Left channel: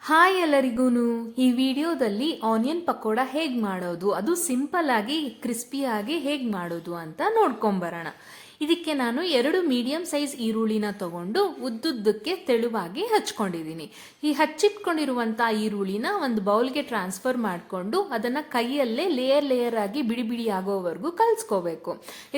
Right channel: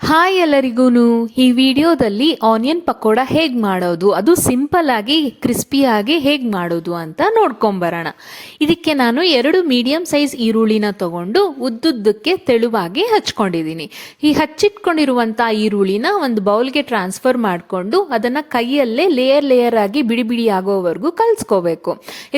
Hi ಎಲ್ಲರಿಗೂ ಈ ವಿಡಿಯೋದಲ್ಲಿ ಆನಿಯನ್ ಪಕೋಡ ಹೇಗೆ ಮಾಡೋದು, ಅದು ಸಿಂಪಲ್ ಆಗಿ ಕ್ರಿಸ್ಪಿಯಾಗಿ ಹೇಗೆ ಮಾಡೋದು ಅಂತ ನೋಡ್ಕೊಂಬರೋಣ. ಇದಕ್ಕೆ ನಾನು 2 ಮೀಡಿಯಂ ಸೈಜ್ ಈರುಳ್ಳಿನ ತಗೊಂಡು ಉದ್ದುದ್ದಕ್ಕೆ ತೆಳುವಾಗಿ ಹಚ್ಕೊಂಡಿದ್ದೀನಿ. ಈ ಹಚ್ಚಿಟ್ಕೊಂಡಿರುವಂಥ ಈರುಳ್ಳಿನ ಒಂದು ಬೌಲ್ಗೆ ಟ್ರಾನ್ಸ್ಫರ್ ಮಾಡಿಕೊಂಡು ಅದನ್ನು ಕೈಯಲ್ಲೇ ಲೇಯರ್ ಆಗಿ ಬಿಡಿ ಬಿಡಿ ಆಗೋವರೆಗೂ ಕಲಿಸ್ಕೋಬೇಕು.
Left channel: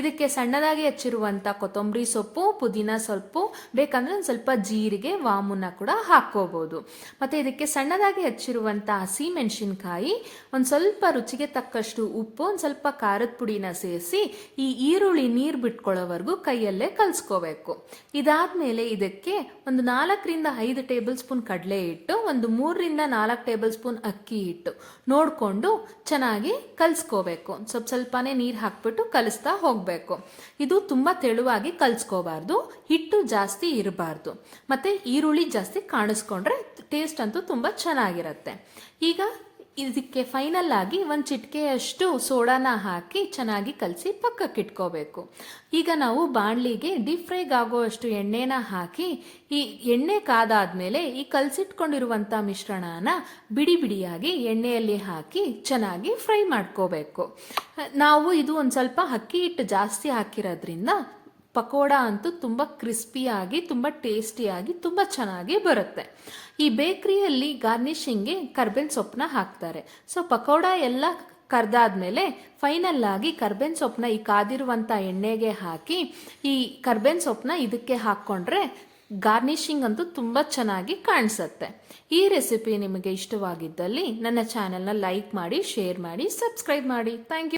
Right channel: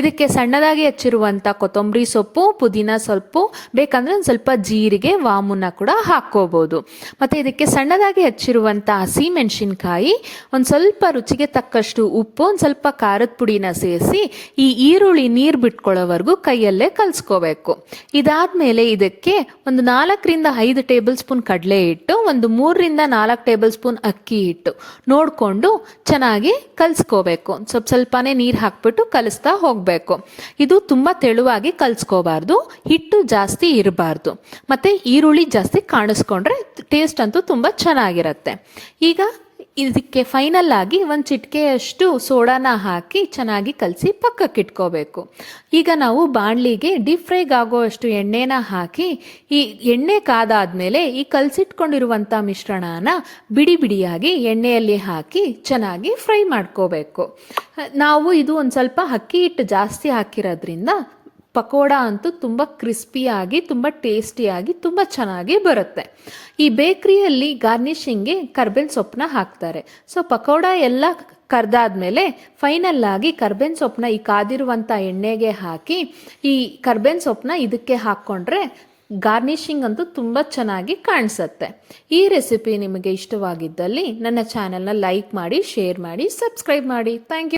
ಇದಕ್ಕೆ ಸಣ್ಣದಾಗಿ ಹಚ್ಚಿರುವಂಥ ಕೊತ್ತಂಬರಿ ಸೊಪ್ಪು, ಪುದೀನ ಸೊಪ್ಪು, ಬೇಕಂದ್ರೆ ಒಂದು ಸ್ವಲ್ಪ ಜೀರಿಗೆ, ವಾಮುನ ಕೂಡ ಹಾಕ್ಕೋಬೋದು. ಮತ್ತು ಇದಕ್ಕೆ ಸಣ್ಣದಾಗಿ ಹಚ್ಚಿರುವಂಥ ಹಸಿ ಮೆಣಸಿನ್ಕಾಯಿ, ಒಂದು ಸ್ವಲ್ಪ ರುಚಿಗೆ ತಕ್ಕಷ್ಟು ಉಪ್ಪು, ಒಂದು ಸ್ವಲ್ಪ ಖಾರದ ಪುಡಿನ ಸೇರಿಸಿ ಈ ಈರುಳ್ಳಿ ನೀರು ಬಿಟ್ಕೊಳ್ಳೋವರೆಗೂ ಕೈಯಲ್ಲೇ ಕಲಿಸ್ಕೋಬೇಕು. ಇದಾದ್ಮೇಲೆ ಇದಕ್ಕೆ ಒಂದು 4ರಿಂದ 5 ಟೇಬಲ್ ಸ್ಪೂನ್ ಕಡಲೆ ಹಿಟ್ಟು, ಒಂದು 3ರಿಂದ 4 ಟೇಬಲ್ ಸ್ಪೂನ್ ಅಕ್ಕಿ ಹಿಟ್ಟು ನೋಡಿಕೊಂಡು ಚೆನ್ನಾಗಿ ಕಲಿಸ್ಕೋಬೇಕು. ಸ್ವಲ್ಪನೇ ನೀರು ಹಾಕ್ಬಿಟ್ಟು ಕಲಿಸ್ತಾ ಹೋಗಬೇಕು. ಇದು ತುಂಬ ತೆಳುವಾಗಿ ಕಲಿಸ್ಕೋಬಾರ್ದು, ಹಿಟ್ಟು ಜಾಸ್ತಿ ಇರಬಾರ್ದು, ಮತ್ತು ಈರುಳ್ಳಿ ಜಾಸ್ತಿ ಕಾಣಿಸ್ಕೊಂಡ್ರೆ ಟೇಸ್ಟ್ ಅಂತೂ ತುಂಬ ಚೆನ್ನಾಗಿರುತ್ತೆ. ಈಗ ಇದಕ್ಕೆ ಫೈನಲ್ ಆಗಿ ಒಂದು ಚಿಟಿಕೆಯಷ್ಟು ಸೋಡಾನ ಹಾಕಿ ಚೆನ್ನಾಗಿ ಕಲಸಿ ಪಕ್ಕಕ್ಕೆ ಇಟ್ಕೋಬೇಕು. ಈಗ ನಾವು ಬಾಣಲಿಗೆ ಡೀಪ್ ಫ್ರೈಗೆ ಆಗೋಷ್ಟು ಎಣ್ಣೆನ ಹಾಕಿ, ಈ ಎಣ್ಣೆ ಕಾದಾದ್ಮೇಲೆ ಈ ಕಲಸಿಟ್ಕೊಂಡಿರುವಂಥ ಮಿಶ್ರಣನ ಬಿಡಿ ಬಿಡಿಯಾಗಿ ಎಣ್ಣೆಯಲ್ಲಿ ಹಾಕಿ ಚೆನ್ನಾಗಿ ಫ್ರೈ ಮಾಡ್ಕೋಬೇಕು. ನಾವು ಇದು ಒಂದು ಸ್ವಲ್ಪ ಅಕ್ಕಿ ಹಿಟ್ಟು ಜಾಸ್ತಿ ಹಾಕಿರೋದ್ರಿಂದ ಪಕೋಡ ಅಂತೂ ತುಂಬ ಕ್ರಿಸ್ಪಿಯಾಗಿ, ತುಂಬ ಟೇಸ್ಟಿಯಾಗಿ, ತುಂಬ ಚೆನ್ನಾಗಿ ಬರುತ್ತೆ. ಈ ಬೇಕ್ರಿಯಲ್ಲಿ ಗಾರ್ನಿಷಿಂಗ್ಗೆ ಕರ್ಬೇವಿನ ಸೊಪ್ಪನ್ನ ಹಾಕ್ತಾರೆ. ಸೊ ಪಕೋಡ ಎಲ್ಲ ಕರ್ದಾದ್ಮೇಲೆ ಫೈನಲ್ ಆಗಿ ಕರ್ಬೇವಿನ ಸೊಪ್ಪನ್ನ ಈ ಕಾದಿರುವಂಥ ಎಣ್ಣೆಗೆ ಹಾಕಿ ಈ ಕರ್ಬೇವಿನ ಸೊಪ್ಪನ್ನ ಇದಕ್ಕೆ ಹಾಕ್ಕೊಂಡ್ರೆ ಗಾರ್ನಿಷಿಂಗ್ ಅಂತೂ ತುಂಬ ಚೆನ್ನಾಗಿ ಕಾಣಿಸುತ್ತೆ. ಈ ರೆಸಿಪಿ ನಿಮಗೆ ಇಷ್ಟವಾಗಿದ್ದಲ್ಲಿ ನನ್ನ ಚಾನಲ್ನ ಲೈಕ್ ಮಾಡಿ, ಶೇರ್ ಮಾಡಿ, ಸಬ್ಸ್ಕ್ರೈಬ್ ಮಾಡಿ. Thank you.